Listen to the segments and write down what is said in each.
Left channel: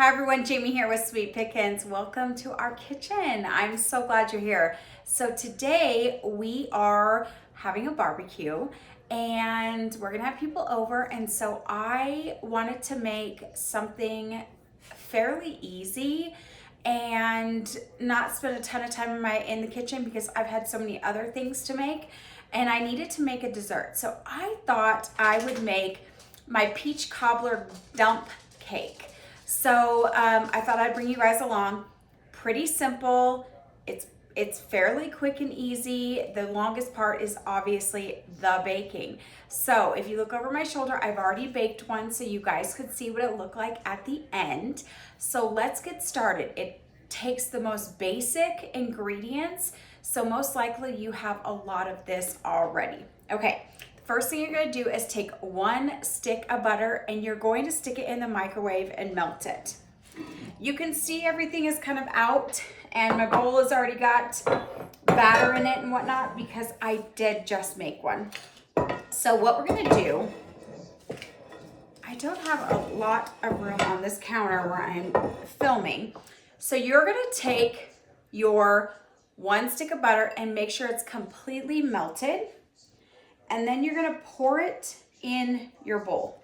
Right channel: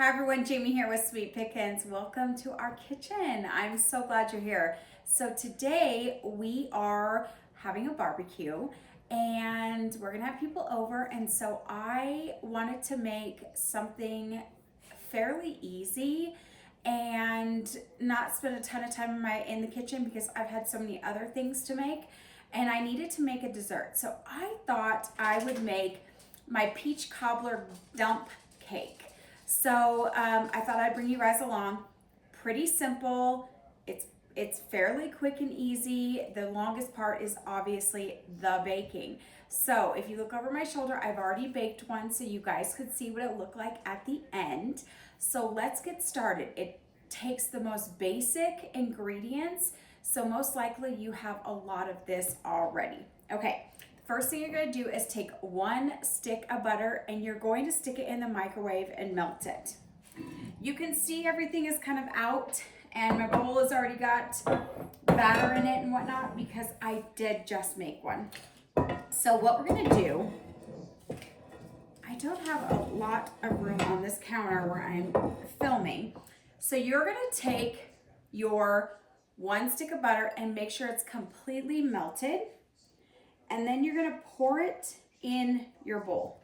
Hi everyone, Jamie here with Sweet Pickins. Welcome to our kitchen. I'm so glad you're here. So today we are having a barbecue and we're gonna have people over, and so I wanted to make something fairly easy and not spend a ton of time in the kitchen because I've had so many other things to make, and I needed to make a dessert. So I thought I would make my peach cobbler dump cake. So I thought I'd bring you guys along. Pretty simple. It's fairly quick and easy. The longest part is obviously the baking. So if you look over my shoulder, I've already baked one so you guys could see what it looked like at the end. So let's get started. It takes the most basic ingredients, so most likely you have a lot of this already. Okay. First thing you're going to do is take one stick of butter and you're going to stick it in the microwave and melt it. You can see everything is kind of out, and my bowl has already got batter in it and whatnot because I did just make one. So what we're going to do, I don't have a lot of room on this counter where I'm filming. So you're going to take your one stick of butter and make sure it's completely melted. And then you're gonna pour it in your bowl.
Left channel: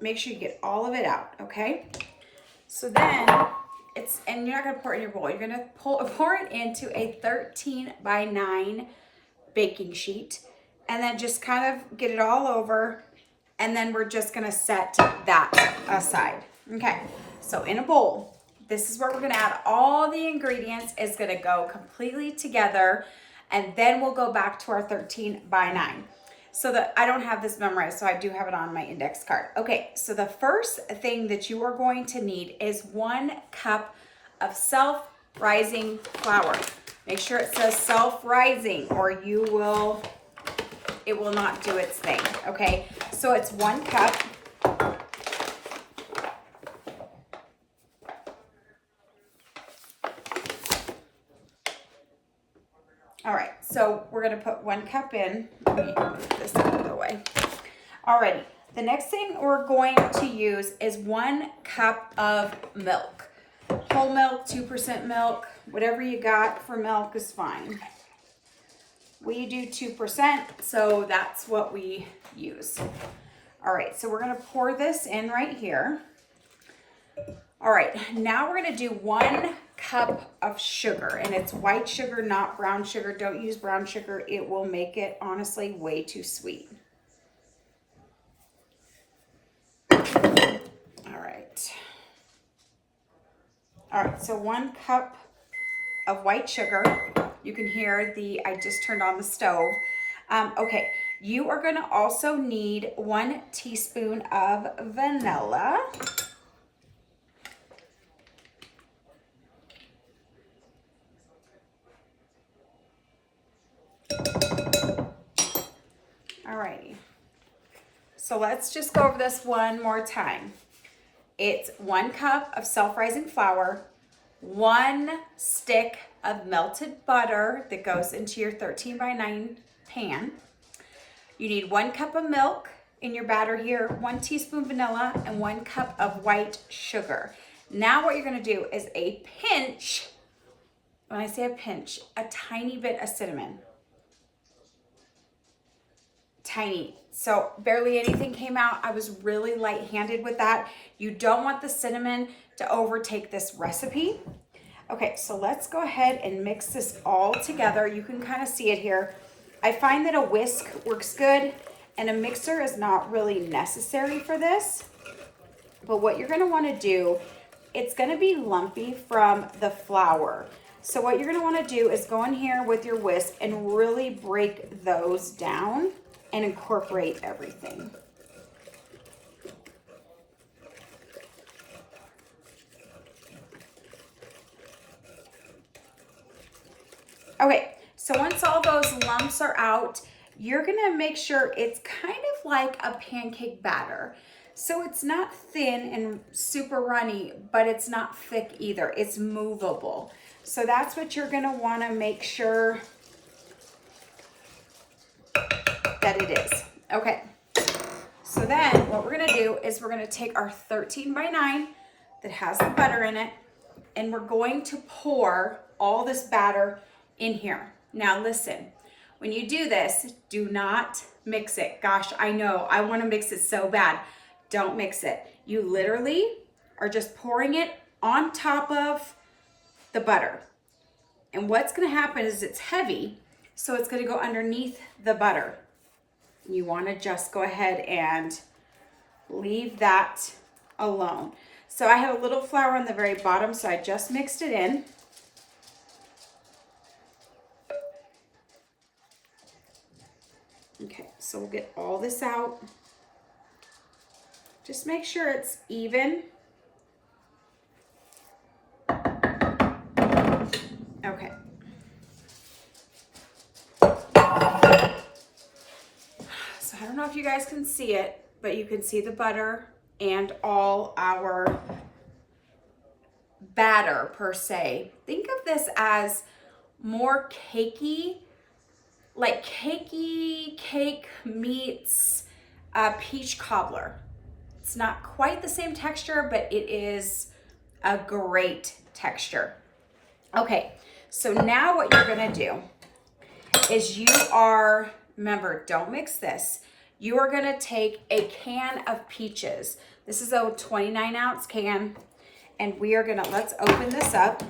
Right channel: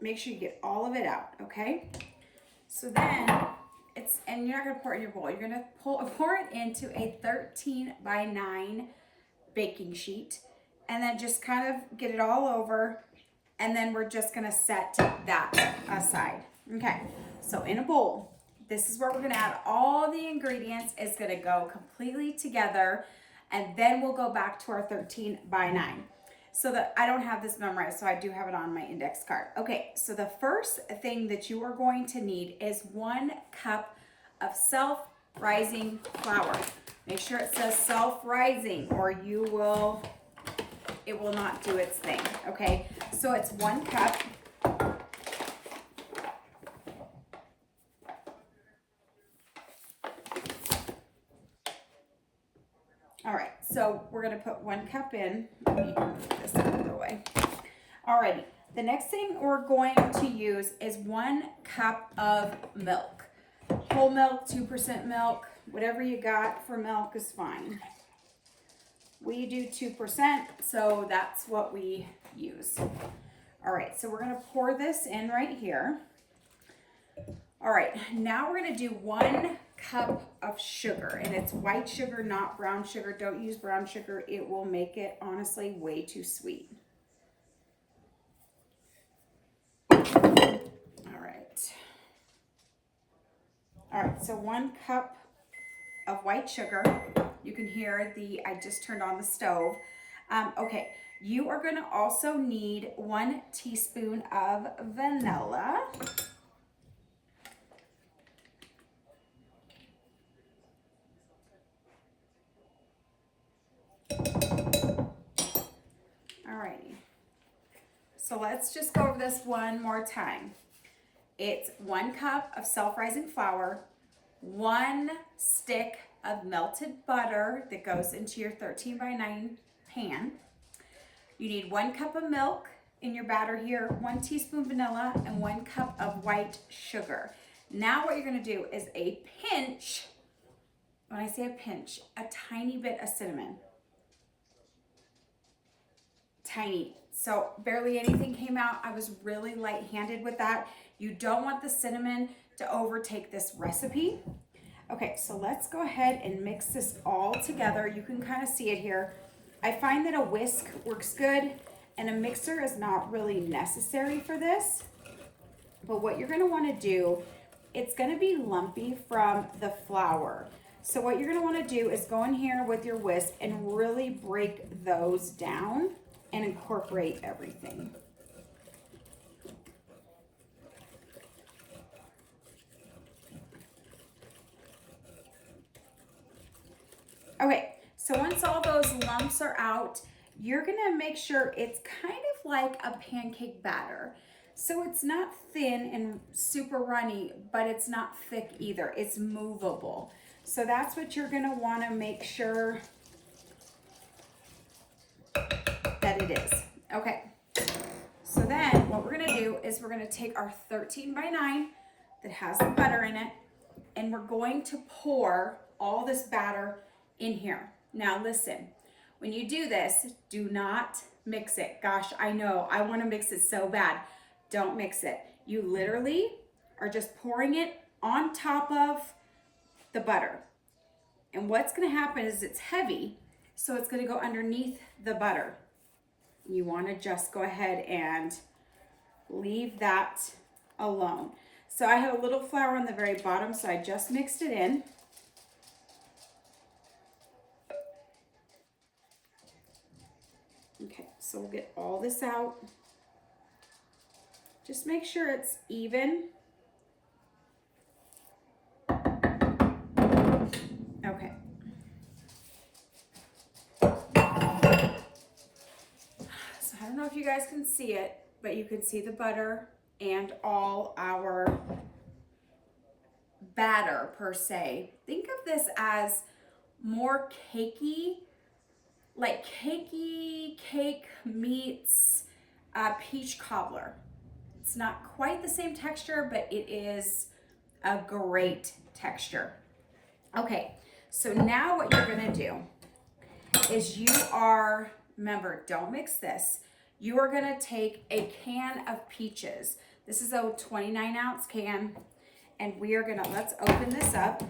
Make sure you get all of it out, okay? So then and you're not gonna pour it in your bowl. You're gonna pour it into a 13 by 9 baking sheet, and then just kind of get it all over. And then we're just gonna set that aside. Okay, so in a bowl, this is where we're gonna add all the ingredients. It's gonna go completely together. And then we'll go back to our 13 by 9. So that I don't have this memorized, so I do have it on my index card. Okay, so the first thing that you are going to need is 1 cup of self-rising flour. Make sure it says self-rising or it will not do its thing, okay? So it's 1 cup. All right, so we're gonna put 1 cup in. Let me move this out of the way. Alrighty, the next thing we're going to use is 1 cup of milk. Whole milk, 2% milk, whatever you got for milk is fine. We do 2%, so that's what we use. All right, so we're gonna pour this in right here. All right, now we're gonna do 1 cup of sugar, and it's white sugar, not brown sugar. Don't use brown sugar. It will make it, honestly, way too sweet. All right. All right, so 1 cup of white sugar. You can hear I just turned on the stove. Okay, you are gonna also need 1 teaspoon of vanilla. Alrighty, so let's just go over this one more time. It's 1 cup of self-rising flour, 1 stick of melted butter that goes into your 13 by 9 pan. You need 1 cup of milk in your batter here, 1 teaspoon vanilla, and 1 cup of white sugar. Now what you're gonna do is a pinch, when I say a pinch, a tiny bit of cinnamon. Tiny, so barely anything came out. I was really light-handed with that. You don't want the cinnamon to overtake this recipe. Okay, so let's go ahead and mix this all together. You can kind of see it here. I find that a whisk works good and a mixer is not really necessary for this. But what you're gonna wanna do, it's gonna be lumpy from the flour. So what you're gonna wanna do is go in here with your whisk and really break those down and incorporate everything. Okay, so once all those lumps are out, you're gonna make sure it's kind of like a pancake batter. So it's not thin and super runny, but it's not thick either. It's movable. So that's what you're gonna wanna make sure that it is. Okay, so So then what we're gonna do is we're gonna take our 13 by 9 that has the butter in it, and we're going to pour all this batter in here. Now listen, when you do this, do not mix it. Gosh, I know, I wanna mix it so bad. Don't mix it. You literally are just pouring it on top of the butter. And what's gonna happen is it's heavy, so it's gonna go underneath the butter. You wanna just go ahead and leave that alone. So I had a little flour on the very bottom, so I just mixed it in. Okay, so we'll get all this out. Just make sure it's even. Okay. So I don't know if you guys can see it, but you can see the butter and all our batter per se. Think of this as more cakey, like cakey cake meets peach cobbler. It's not quite the same texture, but it is a great texture. Okay, so now what you're gonna do is remember, don't mix this. You are gonna take a can of peaches. This is a 29-ounce can, and we are gonna, let's open this up.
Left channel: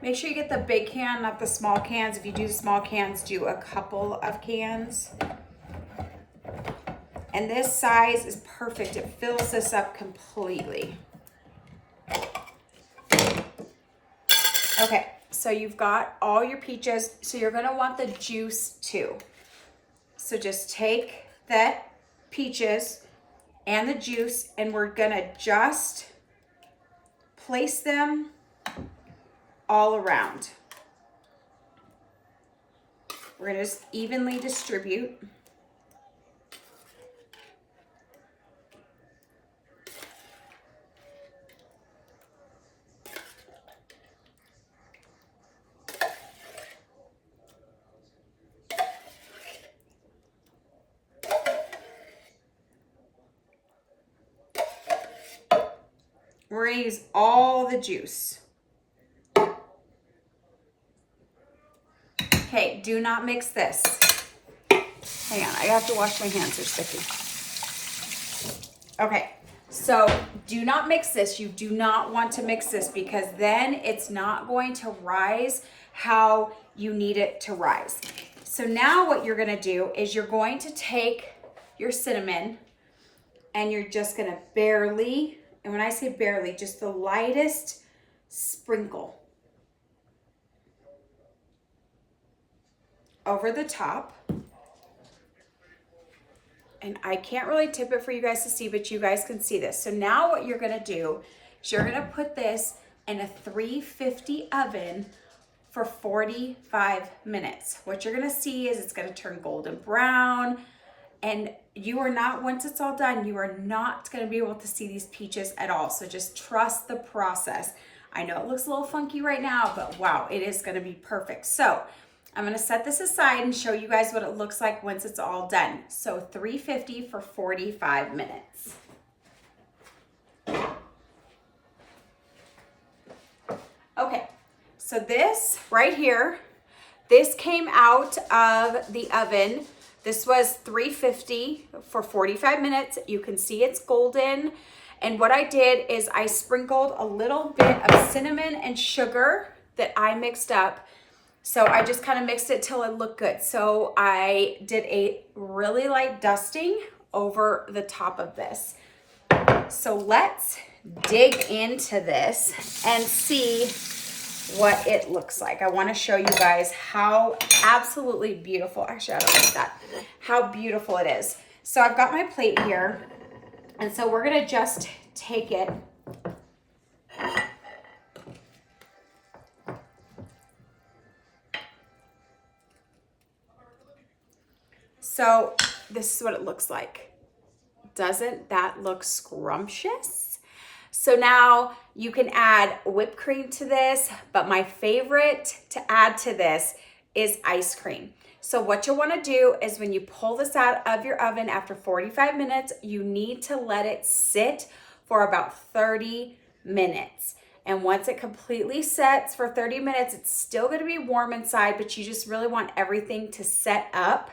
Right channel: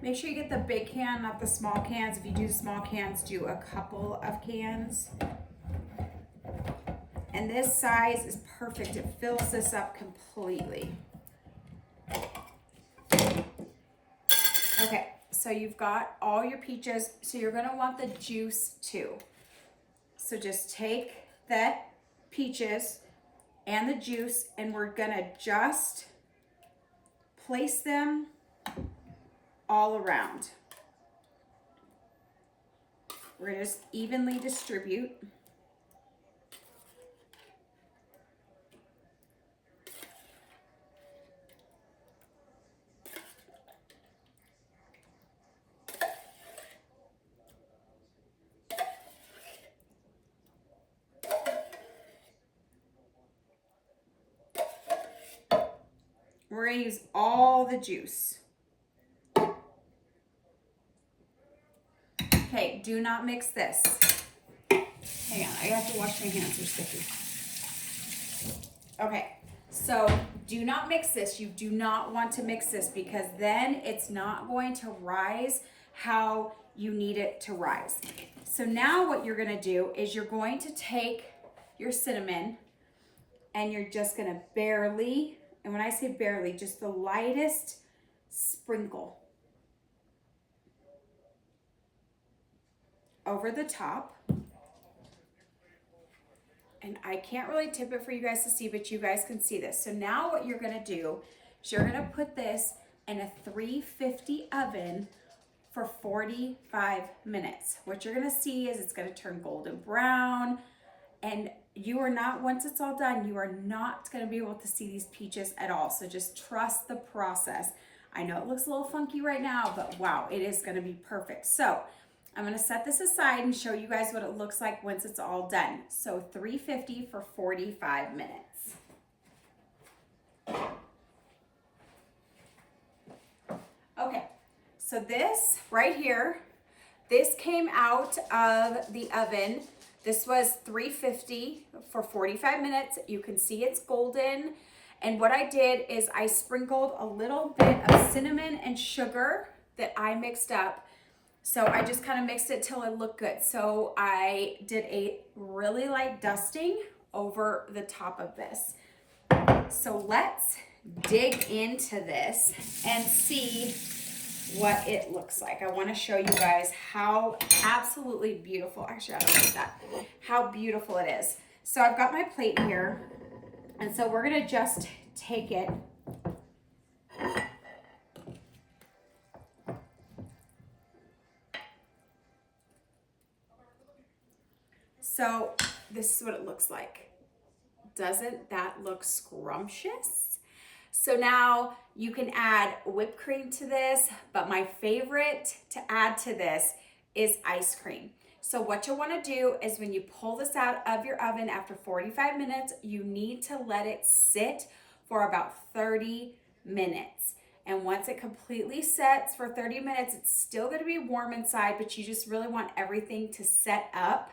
Make sure you get the big can, not the small cans. If you do small cans, do a couple of cans. And this size is perfect. It fills this up completely. Okay, so you've got all your peaches. So you're gonna want the juice too. So just take that peaches and the juice, and we're gonna just place them all around. We're gonna just evenly distribute. We're gonna use all the juice. Okay, do not mix this. Hang on, I have to wash my hands, they're sticky. Okay, so do not mix this. You do not want to mix this because then it's not going to rise how you need it to rise. So now what you're gonna do is you're going to take your cinnamon and you're just gonna barely, and when I say barely, just the lightest sprinkle over the top. And I can't really tip it for you guys to see, but you guys can see this. So now what you're gonna do is you're gonna put this in a 350 oven for 45 minutes. What you're gonna see is it's gonna turn golden brown, and you are not, once it's all done, you are not gonna be able to see these peaches at all. So just trust the process. I know it looks a little funky right now, but wow, it is gonna be perfect. So I'm gonna set this aside and show you guys what it looks like once it's all done. So 350 for 45 minutes. Okay, so this right here, this came out of the oven. This was 350 for 45 minutes. You can see it's golden. And what I did is I sprinkled a little bit of cinnamon and sugar that I mixed up. So I just kind of mixed it till it looked good. So I did a really light dusting over the top of this. So let's dig into this and see what it looks like. I want to show you guys how absolutely beautiful, actually I don't like that, how beautiful it is. So I've got my plate here, and so we're gonna just take it so this is what it looks like. Doesn't that look scrumptious? So now you can add whipped cream to this, but my favorite to add to this is ice cream. So what you'll want to do is when you pull this out of your oven after 45 minutes, you need to let it sit for about 30 minutes. And once it completely sets for 30 minutes, it's still going to be warm inside, but you just really want everything to set up.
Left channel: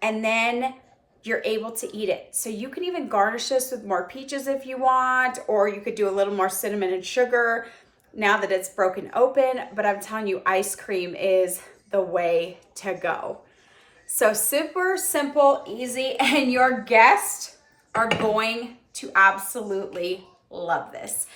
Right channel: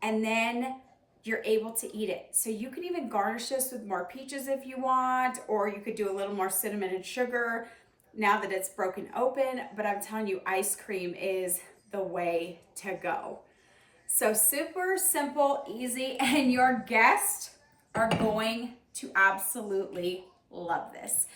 And then you're able to eat it. So you can even garnish this with more peaches if you want, or you could do a little more cinnamon and sugar now that it's broken open. But I'm telling you, ice cream is the way to go. So super simple, easy, and your guests are going to absolutely love this.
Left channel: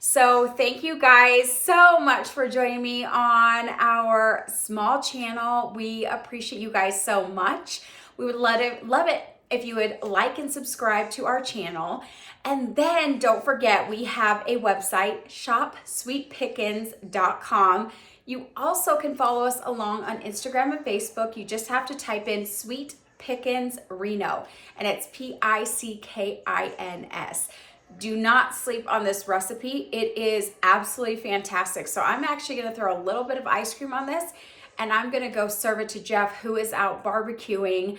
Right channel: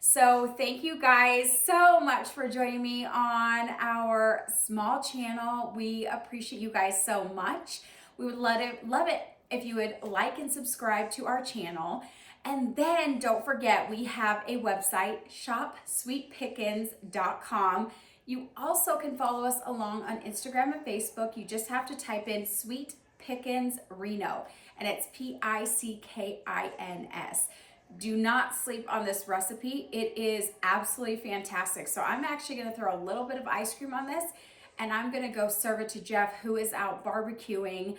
So thank you guys so much for joining me on our small channel. We appreciate you guys so much. We would love it if you would like and subscribe to our channel. And then don't forget, we have a website, shopsweetpickens.com. You also can follow us along on Instagram and Facebook. You just have to type in Sweet Pickens Reno, and it's Pickins. Do not sleep on this recipe. It is absolutely fantastic. So I'm actually gonna throw a little bit of ice cream on this, and I'm gonna go serve it to Jeff, who is out barbecuing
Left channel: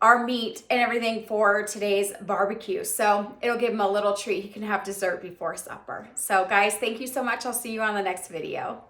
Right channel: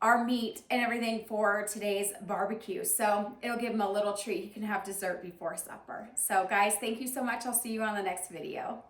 our meat and everything for today's barbecue. So it'll give him a little treat. He can have dessert before supper. So guys, thank you so much. I'll see you on the next video.